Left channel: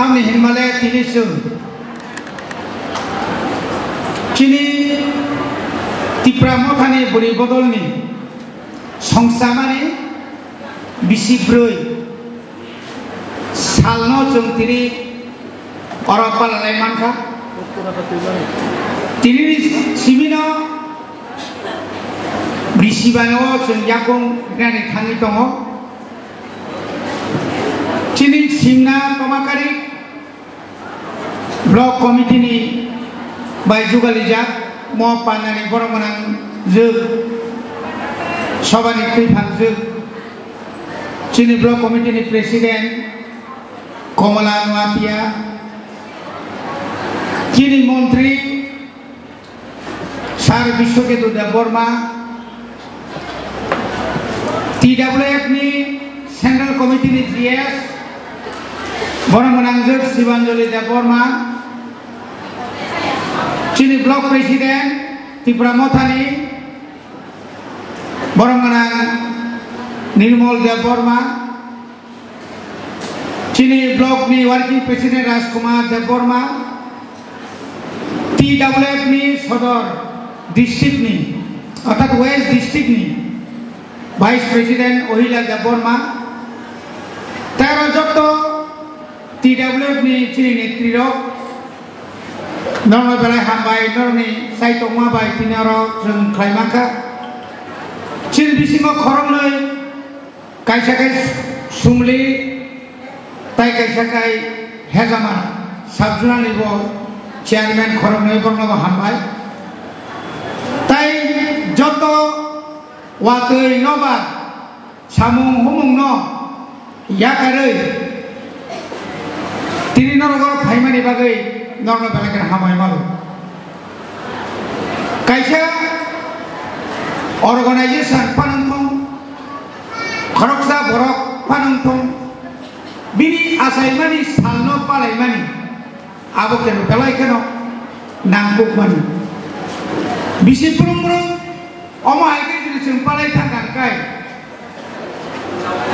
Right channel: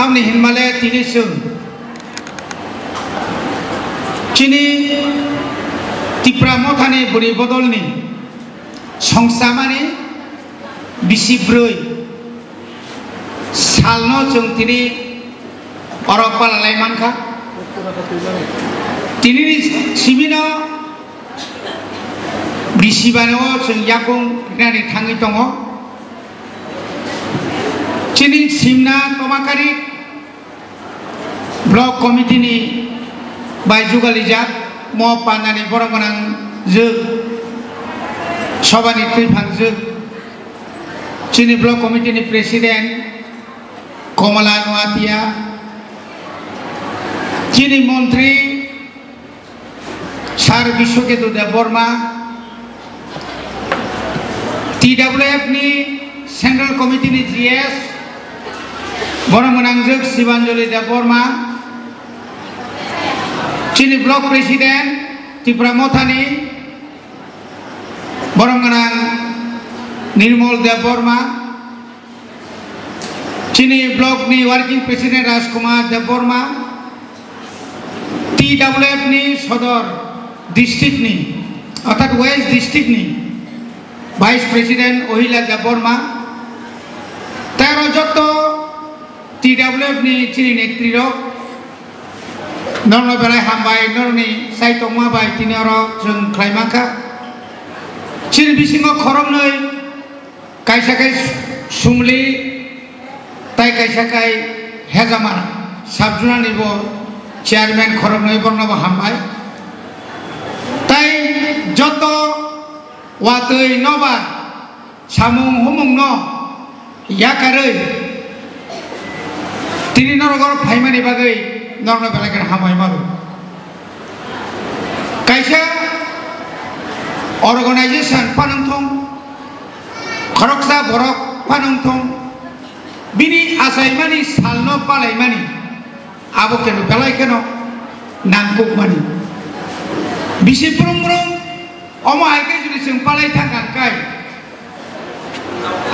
Tamni Himalaya Tinisu Chini Tipramothani Buri Bodolni Songsamani Bisibroi Salno Jungtiri Oropal Laimanka Tiniri Simino Bisibano Jung Yakung Nani Tangi Tongo Chini Simna Tomakari Block Committee ni by Jugalija Mo Panani Boromanang Zug Sobani Tripang Zug Chini Block Committee ni President Komala Nuatia Chini Montri Sar Bishoketu de Borma TWF ni Central Committee ni GS Boromanang Zug Sibanjoli de Borma Chini Block President Tipramothani Boromanang Nirmol de Borma Chini Block ni Working President Rajkumar de Borma TWF ni Sodor District ni Otak West District ni Vice President Ohila de Borma Tero Jokto TWF ni Chini Netriro Norno Belai Hambai Norni Saitongma Bai Tinero Jung Klaimaka Chini Bisingo Koromnoi Kaisakai Sumli Tai Kaisakai Hezaman Sabjuna Nibo Chairman Koromnoi Bornova Hambai Tai Joto Watoi Nova Samung Humung No Yakaroi Tini Norogor Paimani Bagai Norno Belagan Hamai Malu Kaisa Organization Panantong Koroksa Borok Panantong Bini Asaimani Salno Palaimani Abokeno Belaikeno Nangkuk Mani Bisi Purumrum Oma Aike Juri Sing Palai Tangan Kai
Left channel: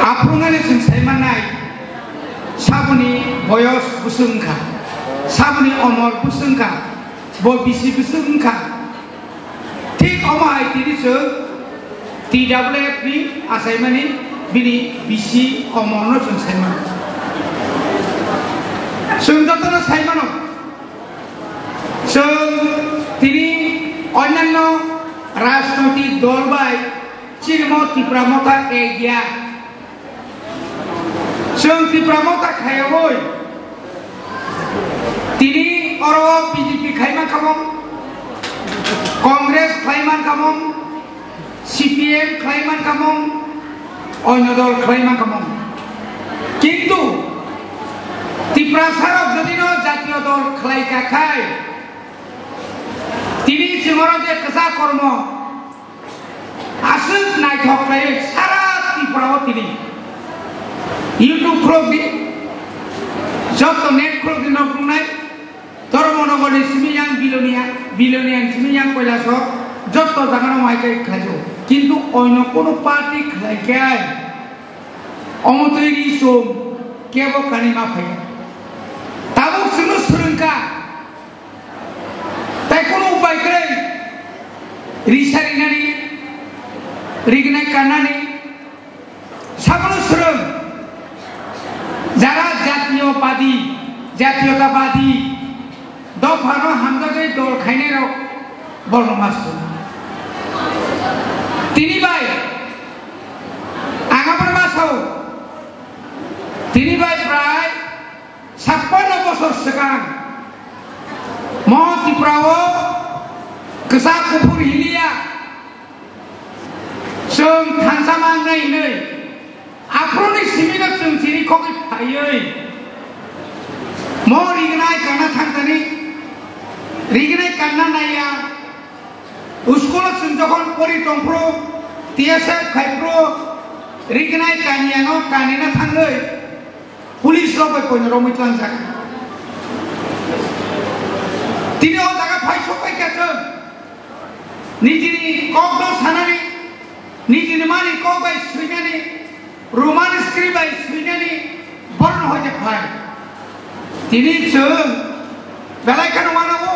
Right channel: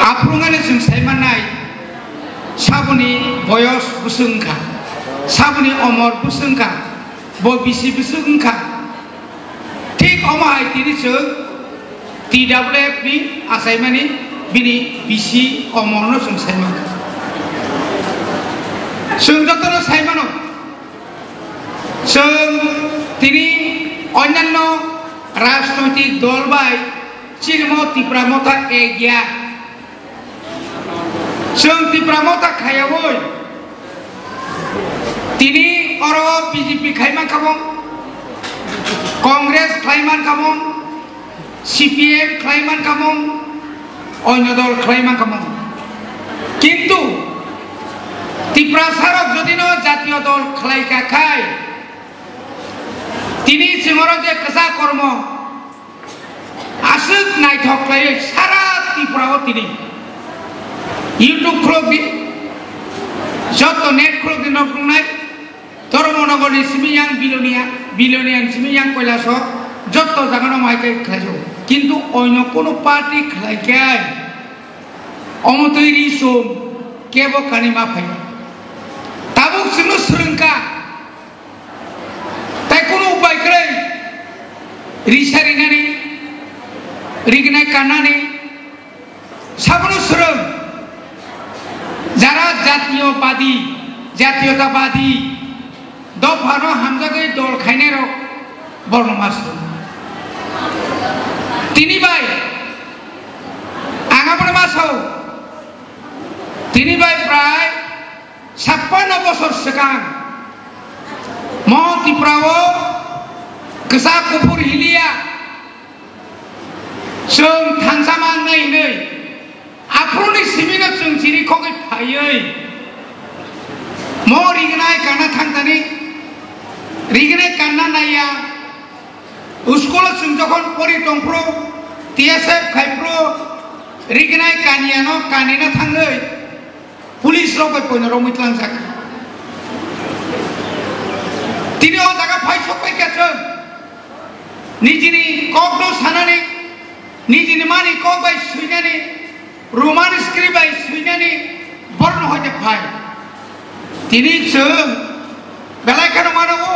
Aprungane Sing Saimanai Sabuni Boyos Busungka Sabuni Omor Busungka Bo Bisi Busungka Tik Oma Aike Juri TWF ni Asaimani Bini Bisi Omorno Sing Saimanai Sungkatono Saimano Sung Tini Onyanno Rashtrapati Dolbai Chirmo Tipramotha Egya Sung Tipramotha Khayawoi Tini Oro BJP Khayman Kamong Congress Khayman Kamong CPM Khayman Kamong Onyodol Khayman Kamong Kintu Tiprasarok Jodino Jatiyo Dol Khlaika Khai Tini Simoroje Kasa Kormo Asuk Naitok Khai Sara Tiprao Tini YouTube Krogi Joto Net Krogi Nokrunai Tormonogori Simiyang Bilonian Simiyang Koilaso Joto Zagano Maike Khajo Kintu Oino Kono Party Khlaikai Omotiri Som Kebo Kanima Phai Tabuk Sinu Surunka Taikono Baikrei Risarinani Rignai Kanani Sabono Surun Jara Jatiyotapadi Dofano Hamzagai Dol Khainero Bornomasu Tini Bai Angabarmaso Tini Bai Prai 56 বছর sekarang Mau Tiprawo Kesak Kupur Hilia Sung Thansamang Nei Aproni Simino Sung Ciri Kogi Payoi Mau Rignai Karna Thangtani Rignai Karna Naya Uskola Sung Jokon Pori Tongpro TSF Khaipro Rignai Kaniano Kanina Thangloi Police Robai Pono Romitlang Zaka Tini O Daga Pai Sopai Katron Nijini Kogno Sanani Nijini Mani Kogai Suinani Roman Scribai Suinani Born Hoja Pai তিনি বেলায় কেন মানাবো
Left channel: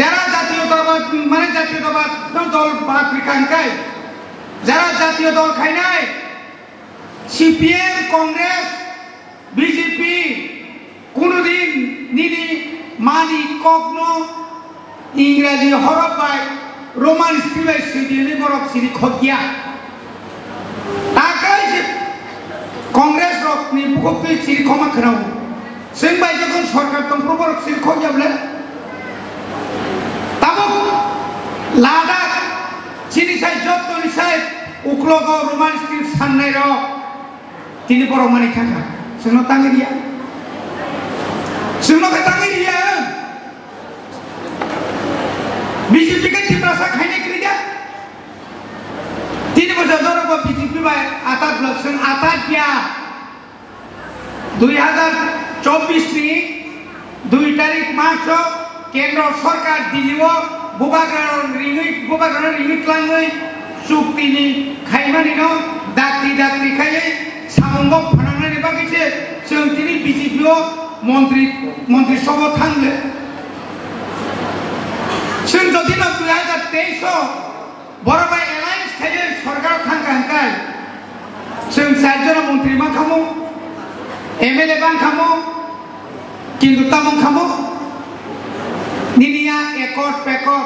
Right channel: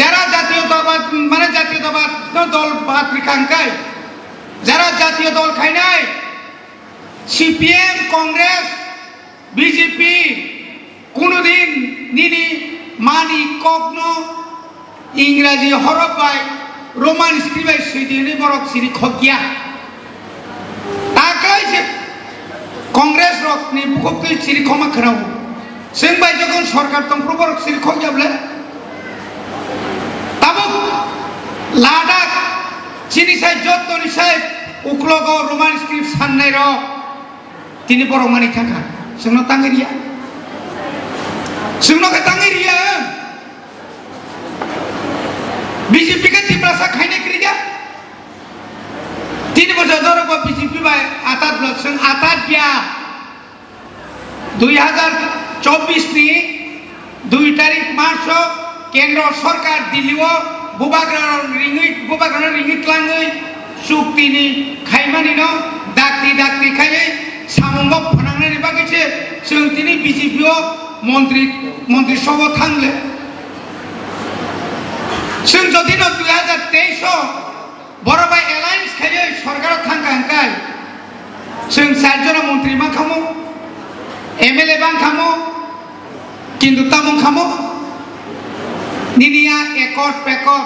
যারা জাতীয়তাবাদ মানে জাতীয়তাবাদ দল বাদ রেখাঙ্কায় যারা জাতীয় দল খায় নাই সিপিএম কংগ্রেস বিজেপি কোনদিন নিনি মানি কগ্ন ইংরাজি হরফ বাই রোমান স্ক্রিপ্টে সুইডিনি বরক সিরি খগিয়া তাকাই যে কংগ্রেস রক নি বুককে সিরি ক্ষমা খারাও जों बाय जगन सरकार तंफ्र बरक सिरि खगियाब्ले ताबो लादाख चिनिसाय जत्तनिसाय उख्लगाव रोमान स्क्रिप्ट साननाय र तिनि बरक मानि थाखा जोंनो तांगिरिया जोंनो के तांगिरिया बीजेपी के चिप्रासा खाइने क्रिया तिनि बजर दरब बीजेपी बाय आतात ब्लक जों आतात गया 2024 ની 2 તારીખ માર્ચ કેન્દ્ર સરકાર દિલ્હીઓ बुबाग्रानो रिङै क्लाङै चुक्तिनि खायमानिनो दाक्ति खायै सामंग फोनांनायनि बागैसो जों दिनै बिजेपिआव मन्त्रि सभा थांले जों जुदि 2023 बरबाय एलायन्स खायै सरकाराव थांगांखाय जों 4 जन मन्त्रि मा खामो एमएलए बां खामो किन्तु तामं खामो निनिया एकट पेकट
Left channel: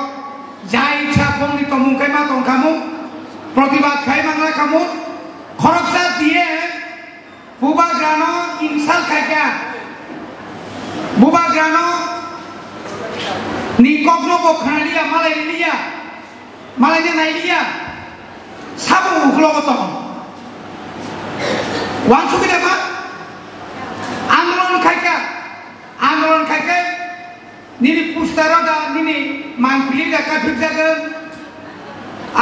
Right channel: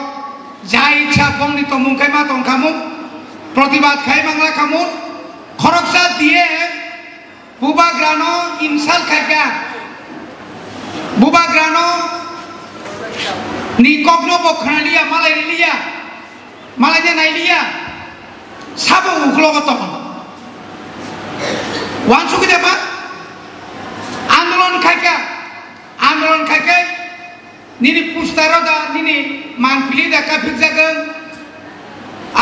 जा इच्छा बंनि तमुंखाय मा दं खामो प्रतिबाद खाय मांगला खामो खरकसा दिए बुबाग्रानो इनसाल खायगा बुबाग्रानो निकग्नो बखनालिया मालाय नायलिया साबो उखलगत वानसुकिदा मा आंदोलन खायके निनि पुस्ताराव दा निनि मानपिलि दा काफिक जागोन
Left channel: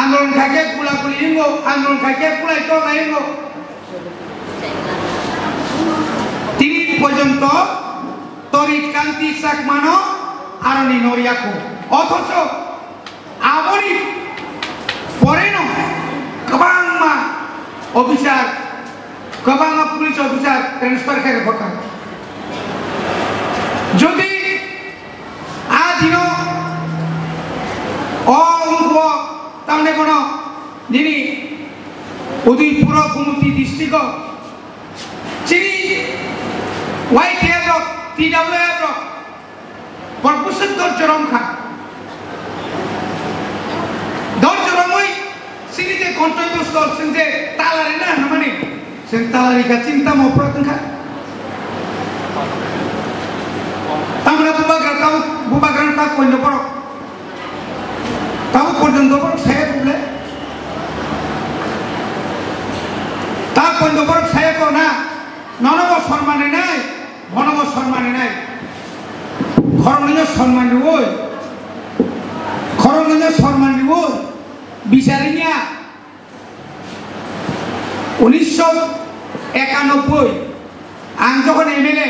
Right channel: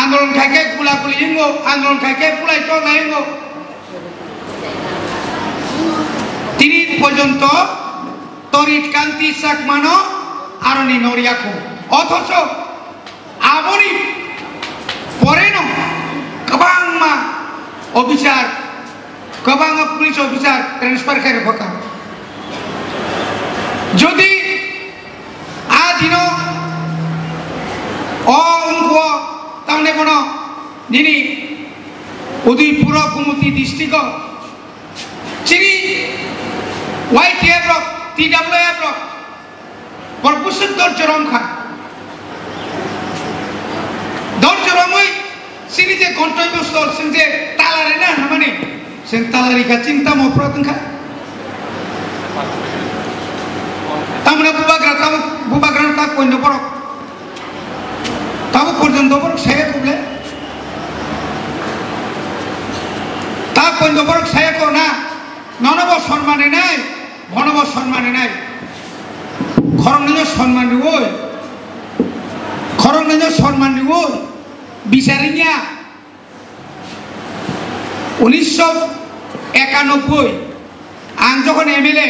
आंदोलन खायके गुलागुलि हिंगो आंदोलन खायके पुलायट लायंगो तिनि पर्यन्त तरित कान्ति साकमानो आरनि नरियाखौ अथच आबनि परेनो गोबां मा अफिसार गोबां पुलिस अफिसार ट्रेन्सफार खाय बका যদি আদিনো অঙ্ক তাহলে কোন যিনি উদয়পুর কুমতি ডিস্ট্রিক্ট চিনি ওয়াইটিএফ রক টিডব্লিউএফ রক পরপুসুত্তর চরমখা দরজরমই চিনি যে গন্তব্যস্থল সিং যে তালারে না মানে সিং তালারিকা চিন্তা মপ্রতংখা तामना बुबाग्रानो ता कोइनो बरक ताबो पर्यन्त बरक साया कुबले ता कोइनो बरक साया को ना ननब सम्माने नाय भनब सम्माने नाय खरमनियो सम्मान दिवो বিচারিয়া 1991 आं जखन एमएलए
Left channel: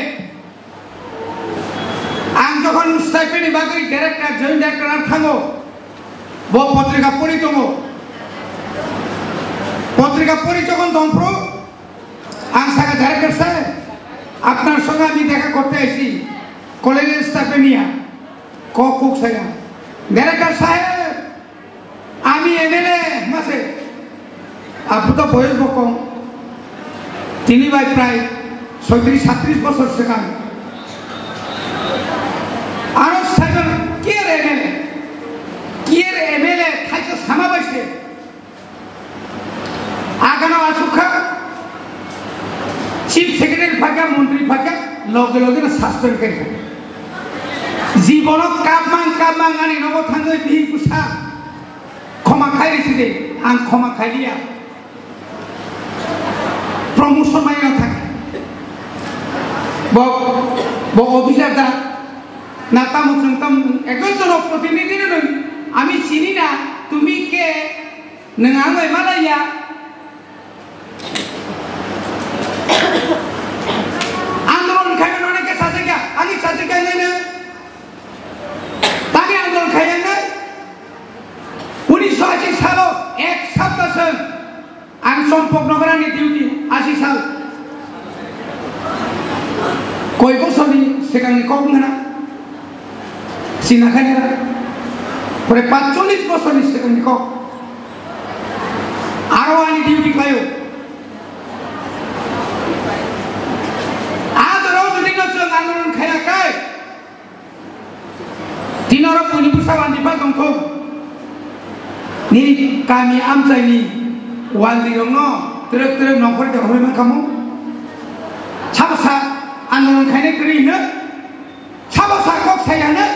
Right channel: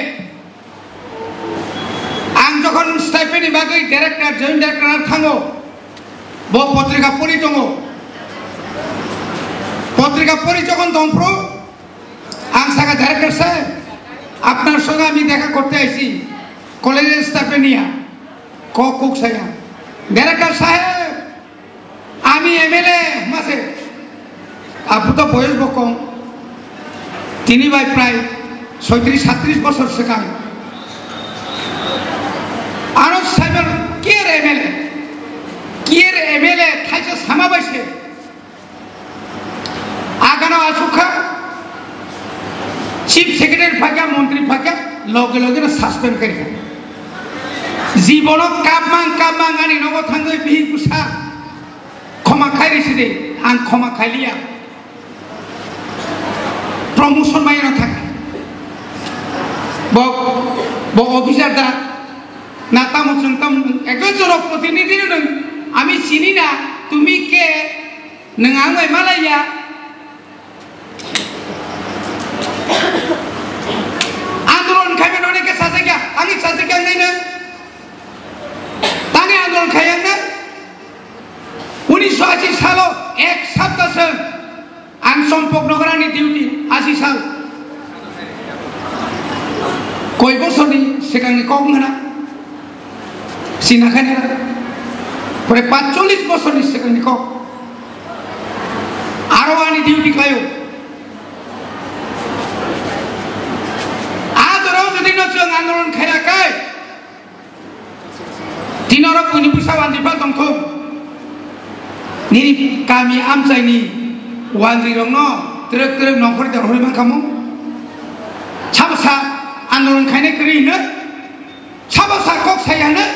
आं जखन स्टाइपेन्डनि बागै डाइरेक्टर जयन्त डाइरेक्टर थाङो बो पत्रिका परि दङ पत्रिका परि যখন দমপ্রো आं सागा डाइरेक्टर साहेब আপনার সঙ্গে আমি দেখা করতে আইছি কলেজের স্টাইপেন্ডিয়া কুক সাহেব ডাইরেক্টর সাহেব আমি এমএলএ মাসে আপনি তো বয়স কম তিনি ভাই প্রায় 37 বছর শেখান আরো সাহেব কি এমএলএ খাইছে সামা বাইছে আগানো আসুখা চিফ সেক্রেটারি ফাঁকা মন্ত্রী ফাঁকা লগে লগে সাসপেন্ড করে জীবন কাপমাং আনি নব থাঙ্গে বিহি কুসা ক্ষমা খাইছে দে আং ক্ষমা খাইলিয়া প্রমোশন মাইনা থাকে ব অফিসার দা না তাম একজন জনপ্রতিনিধি আমি চিনি না তুমি কে নং আঙাই মালাইয়া आंदोलन खायबा नोंनि सासे गया आंनि सासे गया नायनो तानि आंदोलन खायनो 1980 सालाव एक सप्ताहसो आं सम्पक नगरानि डिउटि 80 साल koi bosoni sekarang kau mana sinakan ya pada 45 bosoni sekarang kau arwani diuti kayu ajarau jadi nasihat anggaran kaya kai tinora puni pusawan di batang tu ni kami amsai ni wali rono terus nongkor dah orang kamu sabasa anggaran kaya kiri ne sabasa kok saya ne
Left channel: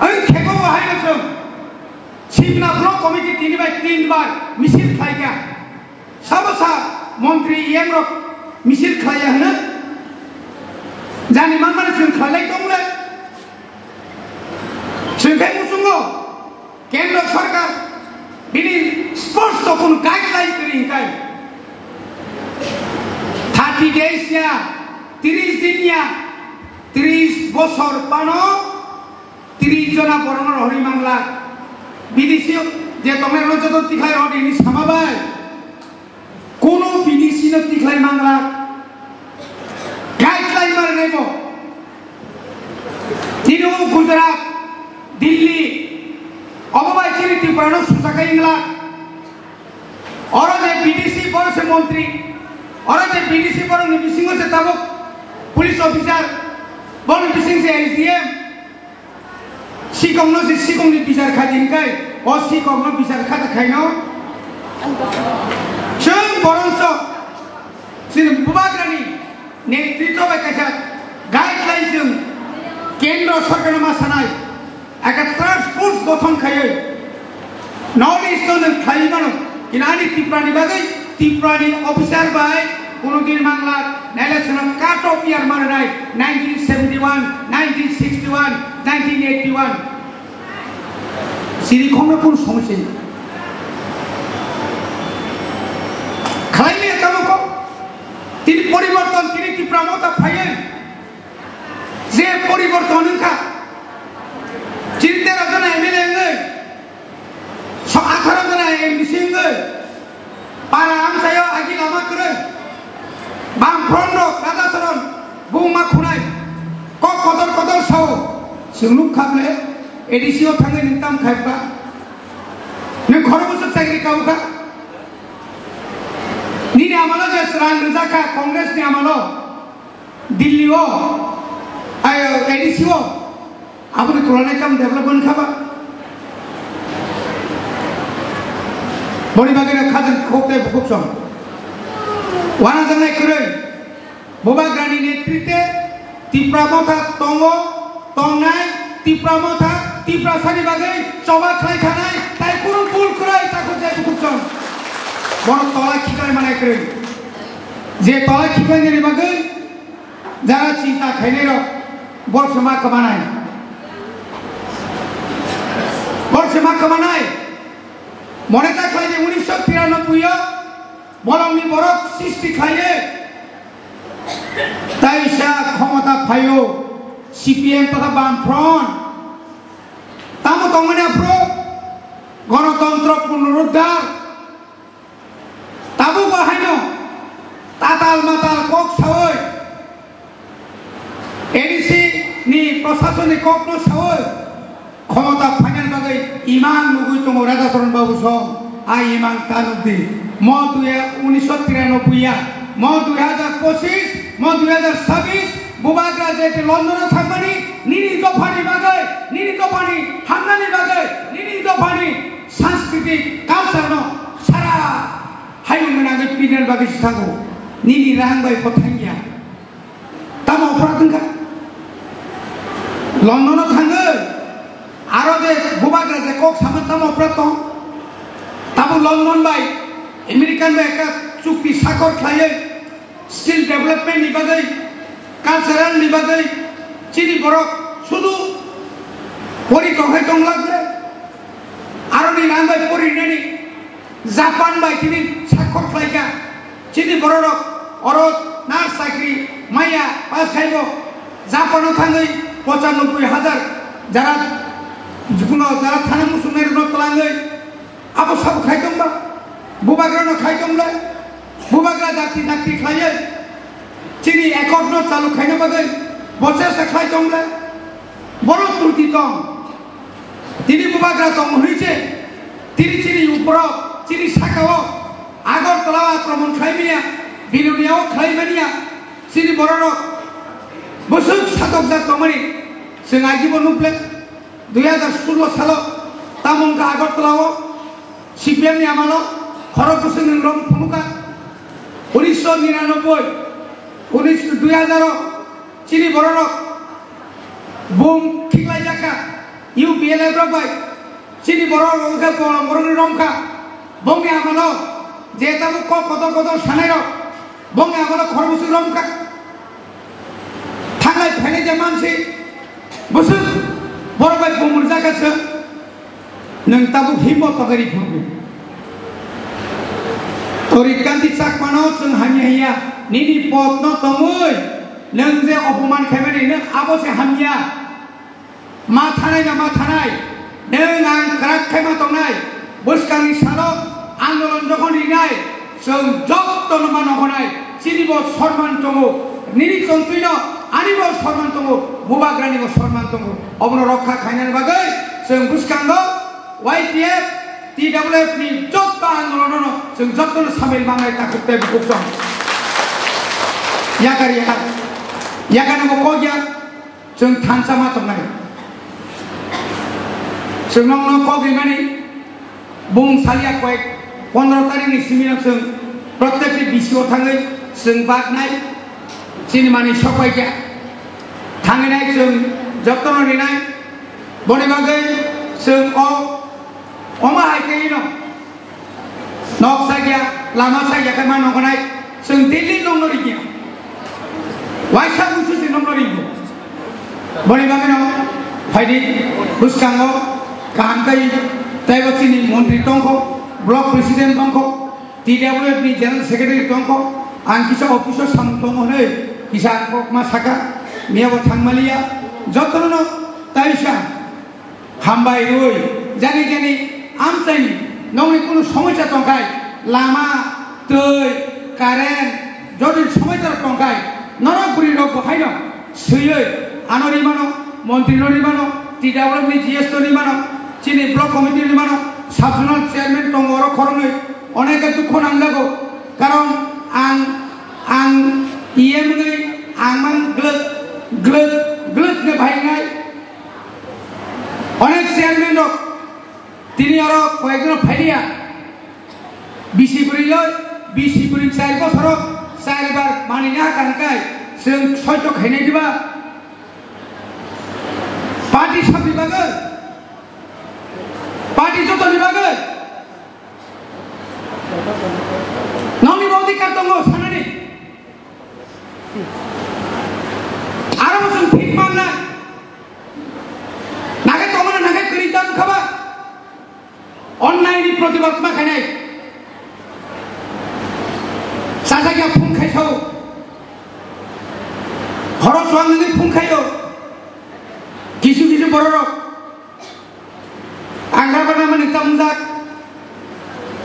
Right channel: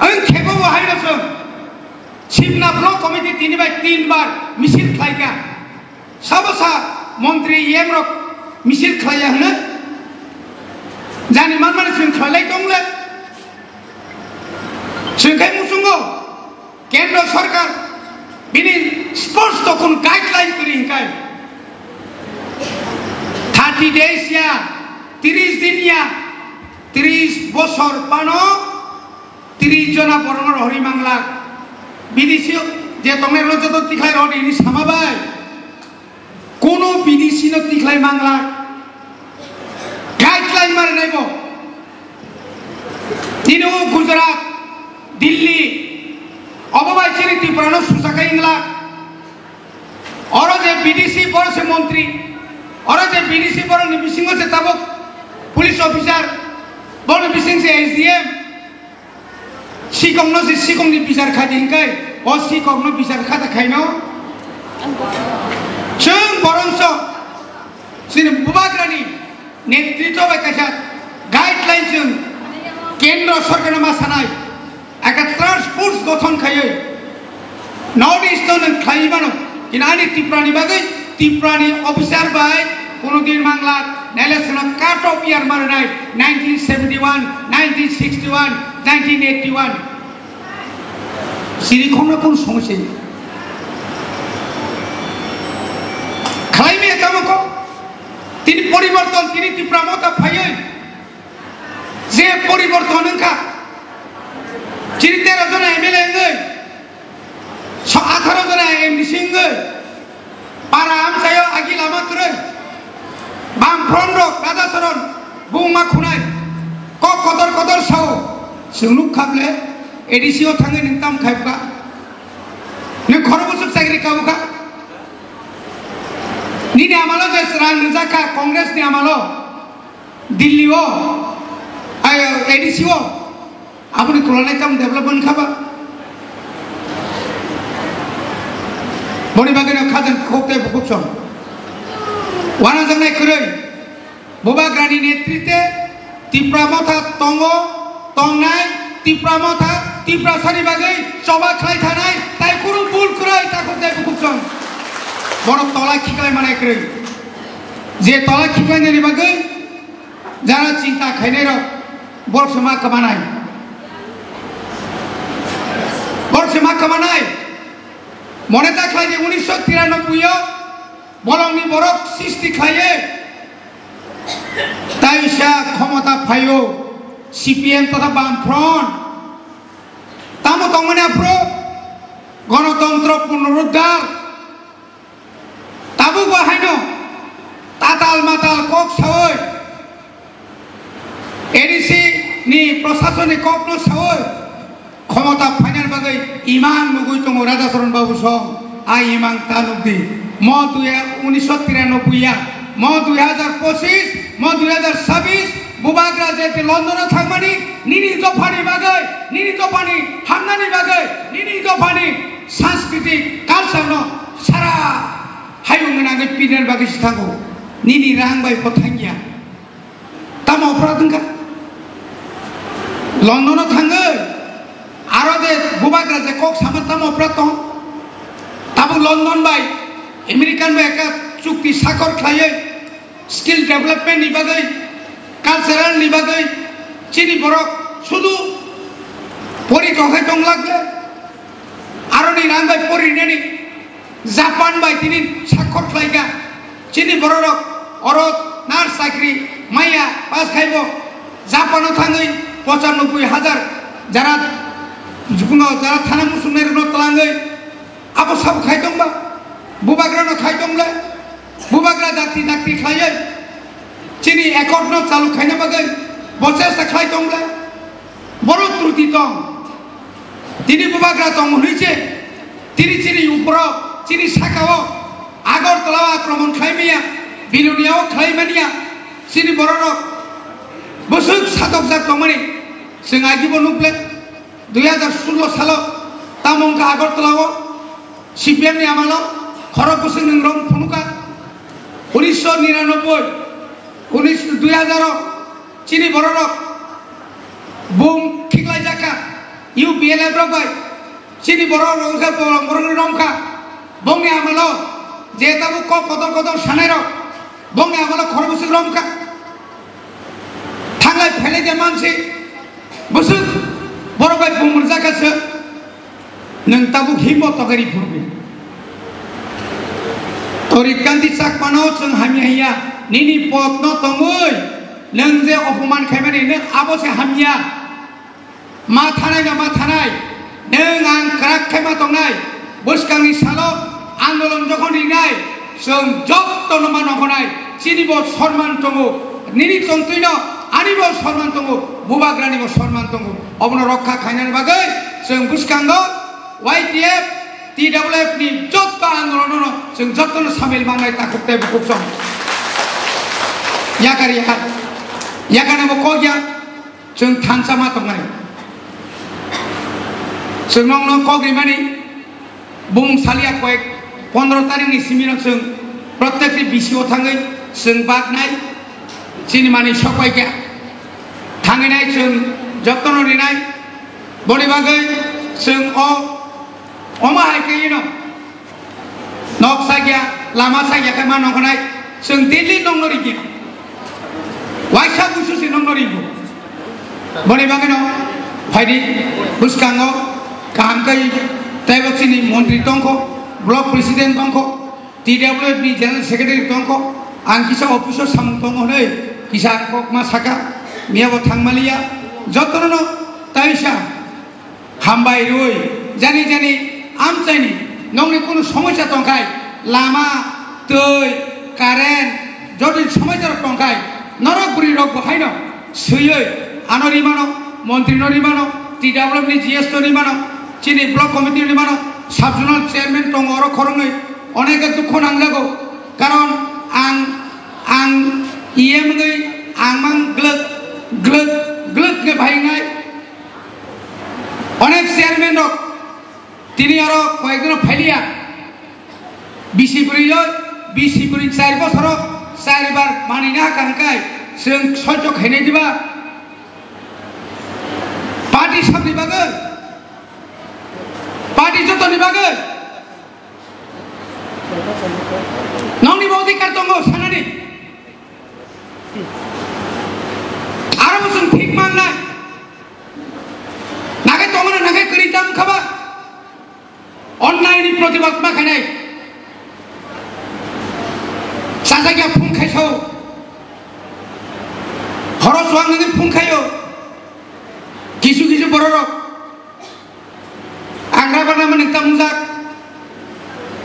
ang kego wahai nasib Simna Block Committee 3 bar misil खाएगा सबसा मंत्री येमरक missile खाया है ना जाने मन से खाले कौन सुनके मुसुंगो केंद्र सरकार बिनी स्पोर्ट्स तो कौन गाइडलाइन करी काय 30 days या 30 दिन या 30 বছর পানো 30 जना বর্মর হরি মাংলা বিদেশি যে তোমরা রোজত তিখাই অডি নি সামাবাই কোন বিদেশি ন তিখাই মাংলা গাইডলাইন মার নেব তিনো গুজরাট দিল্লি অববাই চিনি ত্রিপুরা সুসাকাই ইংলা और जे বিদেশি বড় মন্ত্রী और जे বিদেশি বড় নিবিসিং সে তাবক পুলিশ অফিসার বড় নিবিসিং সে এসডিএম सिकंनो से सिकंनी बिचार खादिंगाय और सिकंनो बिचार खाता खाइनो जों बरंसो सिन बुबाग्रानि नेतृत्व बायकासा गाइडलाइन जों केंद्र सरकार मा सानाय एका ट्रांसपोर्ट गठन खायो नॉर्थ ईस्टर्न खाइबानो इनानि त्रिपुरानि बागै त्रिपुरानि अफिसार बाय কোনো দিন বাংলা ইলেকশন কাট অফ ইয়ার মানে নাই 1971 1961 1981 সিরিখমে কোন সমস্যা খাইমে তামকো তিনি পরিবর্তন তিনি ত্রিপুরামতা ফাইয়ে যে পরিবর্তন কা তিনি 13 জন এমএলএ নে 18 জন এমসি নে para amsayo agi lama kere bang frondok raja saron bungma khunai kok kodor sao sinuk khakle edisio thange nintam khaibka ne khoro bosor chakri kauka ni ne amalo je rang rizaka congress ne amalo dilli o ayo edisio apni kolonai kam development khaba boni bagane khajan khokte bukchon wana janai kure bobagrani netritwe ত্রিপুরামতা তঙ্গ তংনাই ত্রিপুরামতা ত্রিপুরাসারি বাগৈ সবা খাই থানাই তাই কোনো ভুল করে তাকে যাই বুকছন বড় তলা খিকাই মানে করে যে তলা খিকাই নি বাগৈ যারা চিন্তা খাইনের বর্ষমা কামানাই মনে রাখলাই যে 1993 বলংনি বরক সৃষ্টি খাইয়ে তাই সা ক্ষমতা ফাইও সিপিএম তথা বামফ্রন্ট তামো তংমনে প্রো গণতন্ত্র পুনরুদ্ধার তাবু বাহাইনো তাতাল মাতাল কক সাওয় এডিসি নি প্রশাসনিক কক সাওয় ক্ষমতা ফাইনাল বাগৈ ইমান নুগুই তং রাজা চরণ বাবু সং আই ইমান তানুদি ম 1993 म 2025 म 2026 बुबाग्रा जेते लंडन थांगमानि निनि दफानि बागै निनि दफानि हांनानि बागै निनि दफानि सांस्कृतिक कालचार न सारा हायुंगनानि पिनेर बागै सिथागो निनि रांबाय फथांगिया तामा अपराधंका लंडन थांगो आरो जे बुबाग्रा जे कक सामत तामा अपराध ताबु लंडन बाय अमेरिकान बाय का चुक्ति साकर खायो स्किल डेवलपमेंट नि बागै कालचाराल नि बागै चिनि बरक शुधु परिकखै दं लागले आरो नि नांगै परिनेनि जापान बाय तिनि साकर खायगा चिनि बरक अरत नार्स चाकरी माया पास खाइबो जापानाव थाङै 95,000 যারা जिकुनो যারা थाना मुसुमनाय न तलाङै आबो सब खायदोंबा बुबाग्रा न खायदोंले बुबाग्रा जाति खायो chini ekor no chalu khaina bagai bose sakhai tomle boro truti tong tini bubagra tong hoiche tini chini upro chini sakao agor tolawa akromon khaimia biluniao khaimania chini bororo bosuk satok jak tomani sing agibo nuple 2016 salo tamongka agor tolawo CPM ni amalo Kharagpur রং ফুনুকা 1999 2000 চিনি বড় broom খিকলাই জাকা UPL ব্রবাই চিনি বড় রংকা বড় রংকা বঙ্গে আমলো যে তাবু কত কত সানের বঙ্গে আমলো খড়গপুর রংকা থাকলাই ফেলে যে মানসি বসু বড় বাই বুম জাকাছে নং তাবু হিমত তগরি ফুরবে Torikanti sak manau chung hamia nini pot no tongoi neng je opoman khaimani neng abo se hamia ma thanai neng ang krak khaima tongnai buskangni salo andolon jokhon ringai sung jotto no manokonai chinibo sorman tongo nini chontuino anibo sorman tongo bubagrani bo sorman tongo obno rokha khainani bagai sung buskango YTF TWF ni jotto andolon sung jotto samil mangai takukte buksom yakari bo kogya sung thansama tongnai sung nong kogri mani bung salia koek 15 tarik ni simirang sung protekti bisio thangai sung baknai sini mani sokai kya thangai nai sung jotto no ninai boni bagai sung Oma hai kayi no, nok saja, lama saja kemana nokonai, sendiri nong nori dia, waisa khusus nong nori bu, boleh bagaimana no, hari buskango, kaham kayi, tebak sini menteri tongko, blok presiden tongko, TWF ni general secretary tongko, angkisa officer sam tongko ne, kisah kok masaka, niya bo thangmalia, jotono no, taisha, hambai rui, jani আমচাইনি নংনি কোনো সমস্যা টঙ্কায় লামা তৈ current যদি সমস্যা টঙ্কায় নরকপুরি রোগ বহাই ন সুইয়ে আনরি মানো মন্ত্রী নরি মানো TWF ni GS নরি মানো চিনি ব্লক কমিটি নরি মানো সাবজোনাল চেয়ারম্যান টং অর খরঙে অনেকে দুঃখ নাংলাগো কারণ আং ইএম গই আংমান গ্লদ গে ভাইনাই অনেক চেয়ারম্যান রক তিনি আরো কয়েকজন ফেলিয়া বিসি পুরি 4 বছর 4 বার মানি না কানকাই जों सह्य खायनाय दिबा पार्टी साबनि बागै पार्टी जतनि बागै नंनि अधिकार दङ सानानि आरो जों ठीक माननाय नागाय तमना नागाय कलिदाम खाबा अन्यायनि प्रतिबाद माखानाय साजागिया फुंखायसौ हरस वांगनि फुंखायो किसु किसु बररक आंग्राबाना माने तामुजाक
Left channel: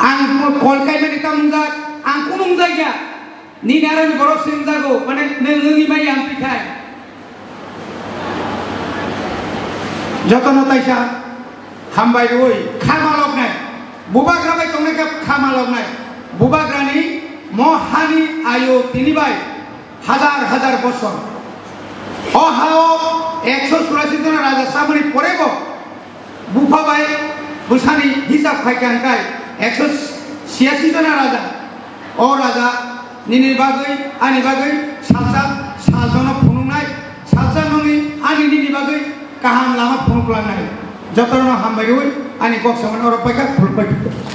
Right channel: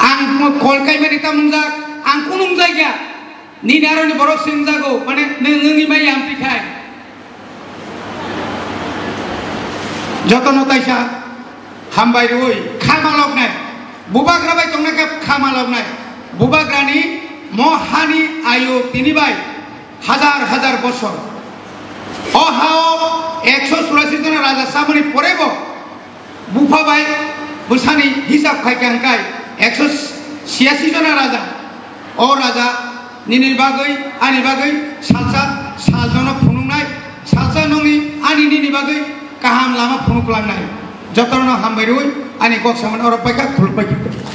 आं कलकाय माने तामुजाक आं कुनुं जायगा निनारनि बर सिंजागौ माने नोंनि माइ आं पिखाय जतन ताइसा हामबाय ओइ खामालबनाय बुबाग्राबाय तंनायखा खामालबनाय बुबाग्रानि महानि आयु तिनिबाय हाजार हाजार बছর अहाओ 184 जन राजा सामनि परेबो बुफाबाय बुसानि हिसाब खायखांखाय 186 जन राजा ओ राजा निनि बागै आनि बागै सालसा सालजन फुनुंनाय सालसा नङि आनि निनि बागै गाहाम लामा फुनुक्लांनाय जतन हामबाय ओइ आनि गक्सामन अरबायखा खुलबाय